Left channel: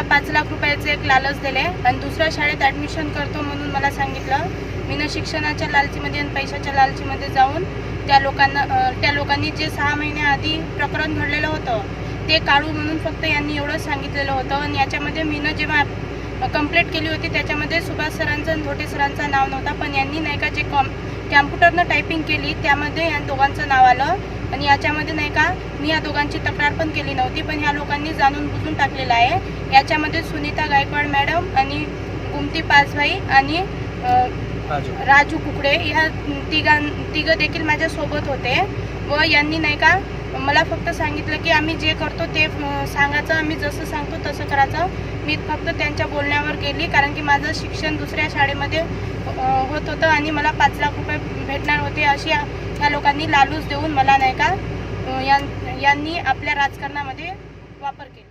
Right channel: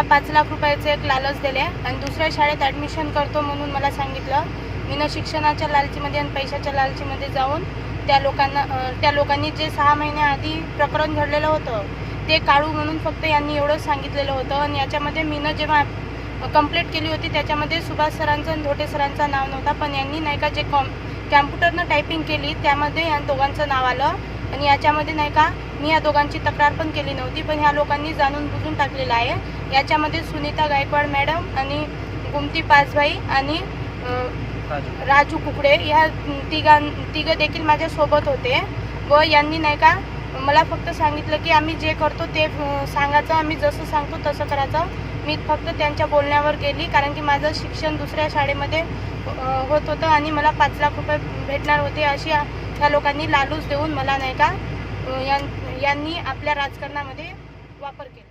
मला 5 लाख रुपयाचे एक लालच दिले आणि दुसऱ्या शाळेत ॲडमिशन करतो म्हणून मला सांगितलं. मी शिक्षणाच्या लालचीमध्ये आणि पैशाच्या लालचीमध्ये जाऊन त्या लोकांनी जे 6 महिन्याआधी प्रकरण घडलेलं होतं ते काढू म्हणून फक्त यांनी एवढंच सांगितलेलं होतं. आणि याच्यामध्ये जेव्हा कंप्लेंट केली होती त्याच्यामध्ये सुभाष सरांचं आणि धोटे सरांचं नाव नव्हता, पण यांनी नाही का जे कॅम्प्युटरनं टायपिंग केली त्यामध्ये या दोघांचं नाव आलं. आणि याच्यामध्ये नाही का मी या दोघांची तक्रार पण केली नव्हती, पण ह्या लोकांनी जाणून बुजून टाकलेलं आहे. याच्यामध्ये सुनीता गायकवाड मॅडम आणि गुमती पाचभाई आणि राजू कुकडे ह्या तिघं देखील माझ्यासोबत होते. व यांनी नाही का मला फक्त सांगितलं की आम्ही जे करतो ते सांगायचं, आम्ही जसं सांगतो तसं करायचं. मी फक्त त्यांच्या बोलण्यावर गेली, कारण की माझं शिक्षण दुसऱ्या शाळेमध्ये होत होतं आणि मला 5 लाख रुपये भेटणार होते अशी ह्या लोकांनी लालूच देऊन मला नाही का यांनी आपल्या राजकारणामध्ये वापर केला.